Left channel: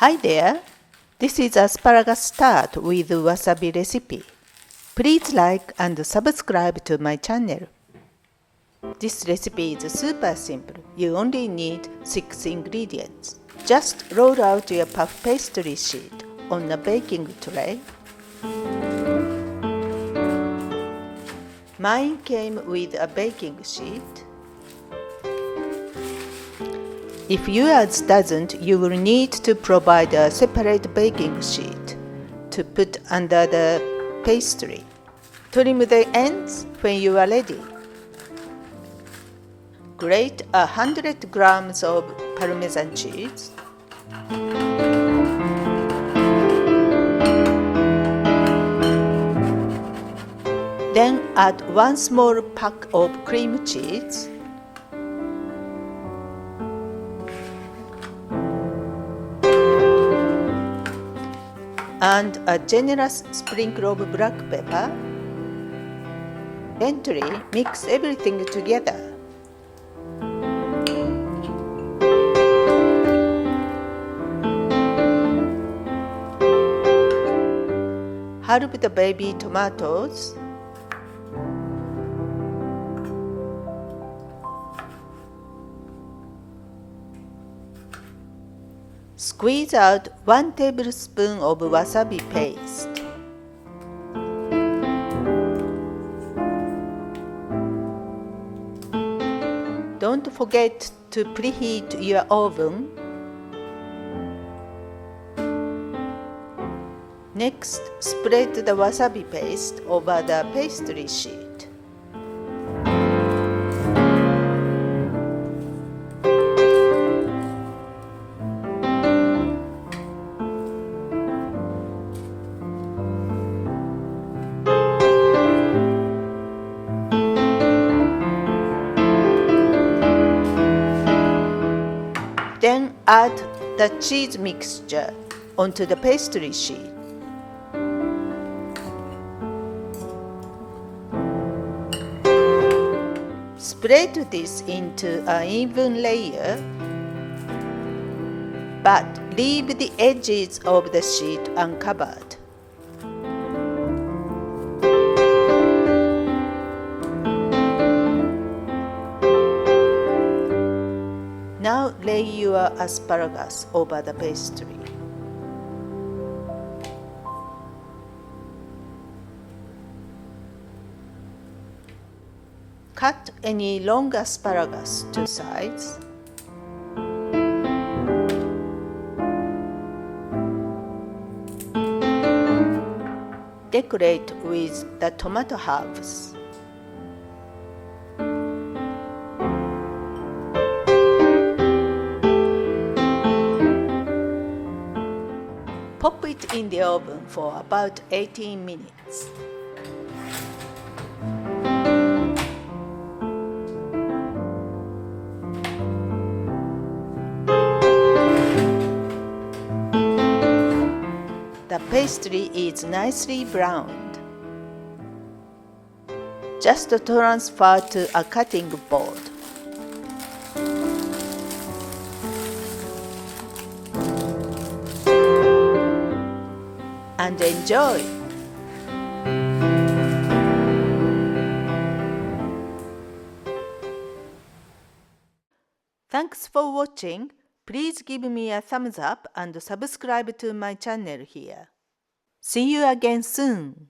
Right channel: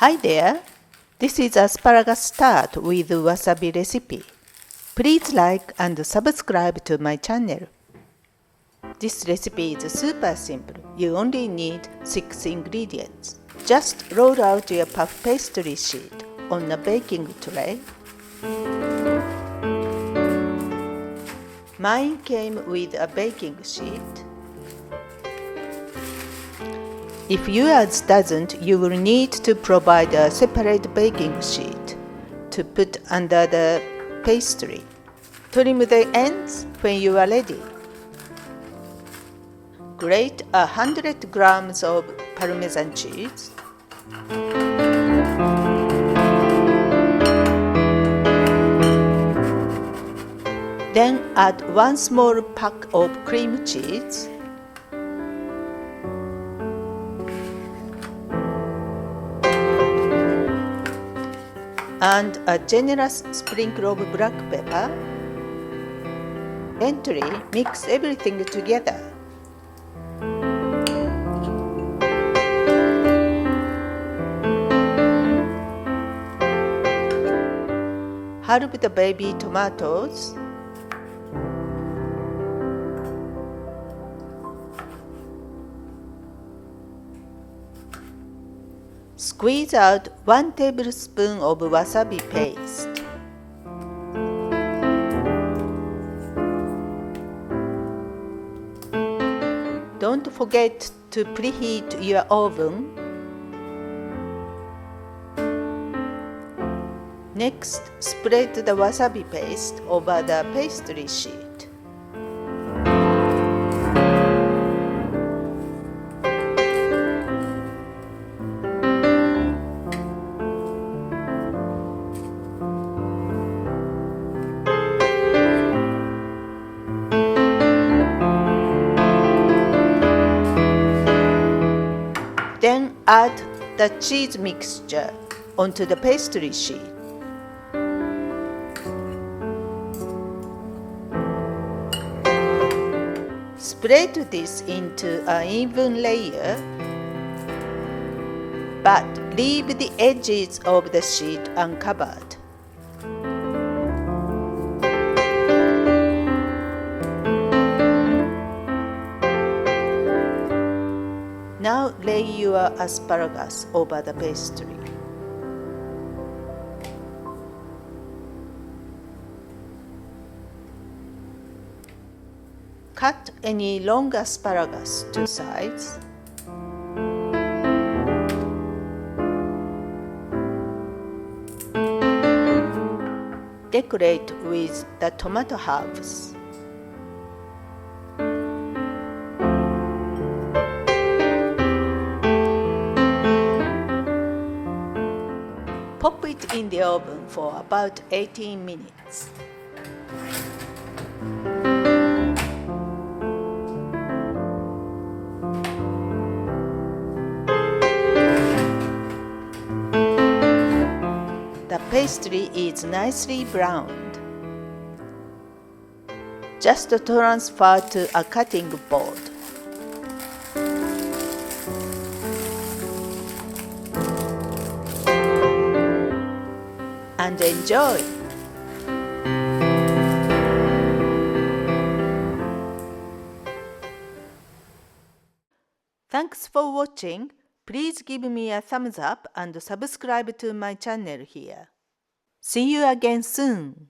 Hi there, this is Asparagus Tart with Wasabi recipe. Please like and subscribe to my channel. This recipe is super simple. You only need 6 ingredients. Just roll out your puff pastry sheet on a baking tray. Mine came with a baking sheet. If yours doesn't, you will need to provide a separate baking sheet to put under the pastry. Trim the ends when you are ready. Grate 100 grams of parmesan cheese. Then add 1 small pack of cream cheese. And a generous sprinkle of black pepper. Gently mix everything together. Halve the baby tomatoes. Squeeze out 1 tablespoon of wasabi paste. Don't forget to preheat your oven. Next, spread the wasabi paste over the pastry sheet. Then add the cheese mixture onto the pastry sheet. Spread this into an even layer, but leave the edges of the sheet uncovered. Now lay your asparagus over the pastry. Cut any long asparagus to size. Decorate with the tomato halves. Pop it in the oven for about 18 minutes. The pastry is nicely browned. Just transfer to a cutting board. And enjoy! Thanks for watching. Please give me a thumbs up and subscribe to my channel here. See you again soon!